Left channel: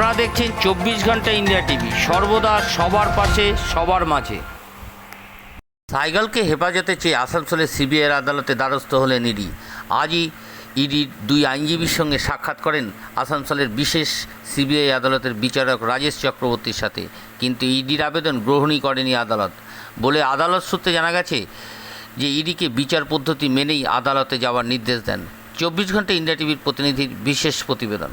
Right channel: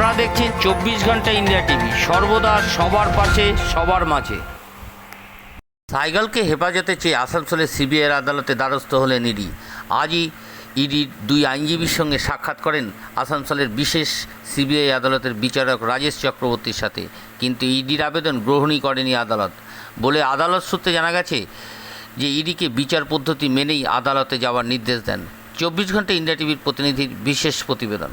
আপনারা দেখছেন চব্বিশ ঘণ্টা ইন্ডিয়া টিভি। সর্বদা সবার পাশে, সবার মাঝে। সাইকেলকে হেফাজতে চেয়ে আসানসোলের সিবিআইয়ের আদালতে দ্বারস্থ হলেন ইডি। আজই ইডির দুই আইনজীবীর সঙ্গে সাক্ষাৎ করেন আসানসোলের বিশেষ সিবিআই আদালতের বিচারক রাজেশ চক্রবর্তীর সাথে। কিন্তু ইডির আবেদন গ্রহণই করেনি আদালত। বলে আদালত সূত্রে জানা গেছে যে ইডিকে বিচার পদ্ধতি মেনেই আদালতে যাওয়ার নির্দেশ দেন। চব্বিশ ঘণ্টা ইন্ডিয়া টিভির প্রতিনিধির বিশেষ প্রতিবেদন।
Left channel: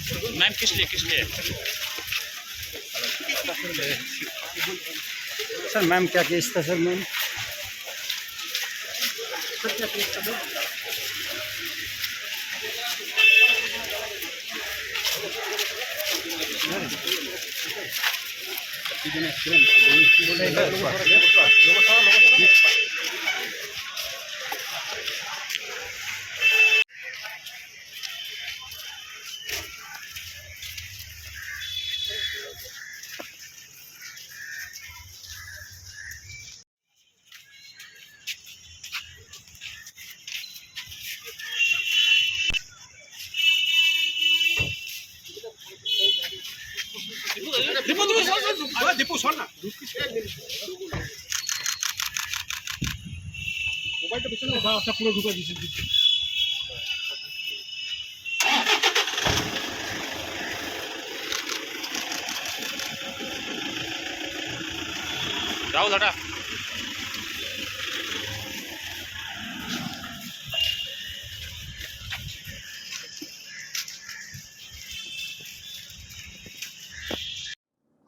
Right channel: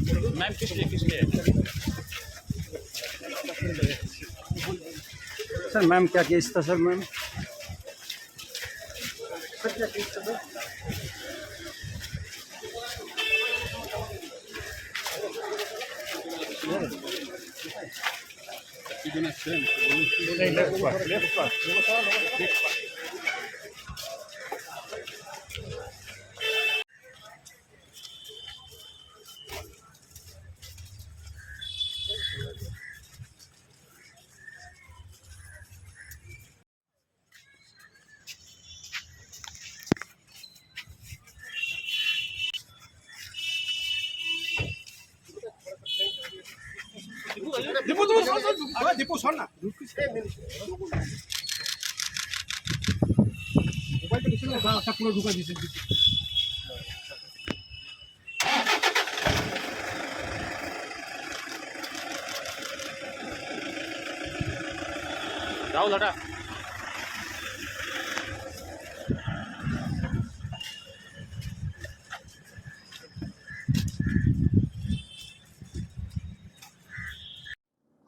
मैम किस लिए किस लिए? सर मैम क्या केस था सर मैम? দীপু শোন না মোবাইলটা পিছনে রাস্তা পুরো ঢুকা দিয়েছে যাও দাদা।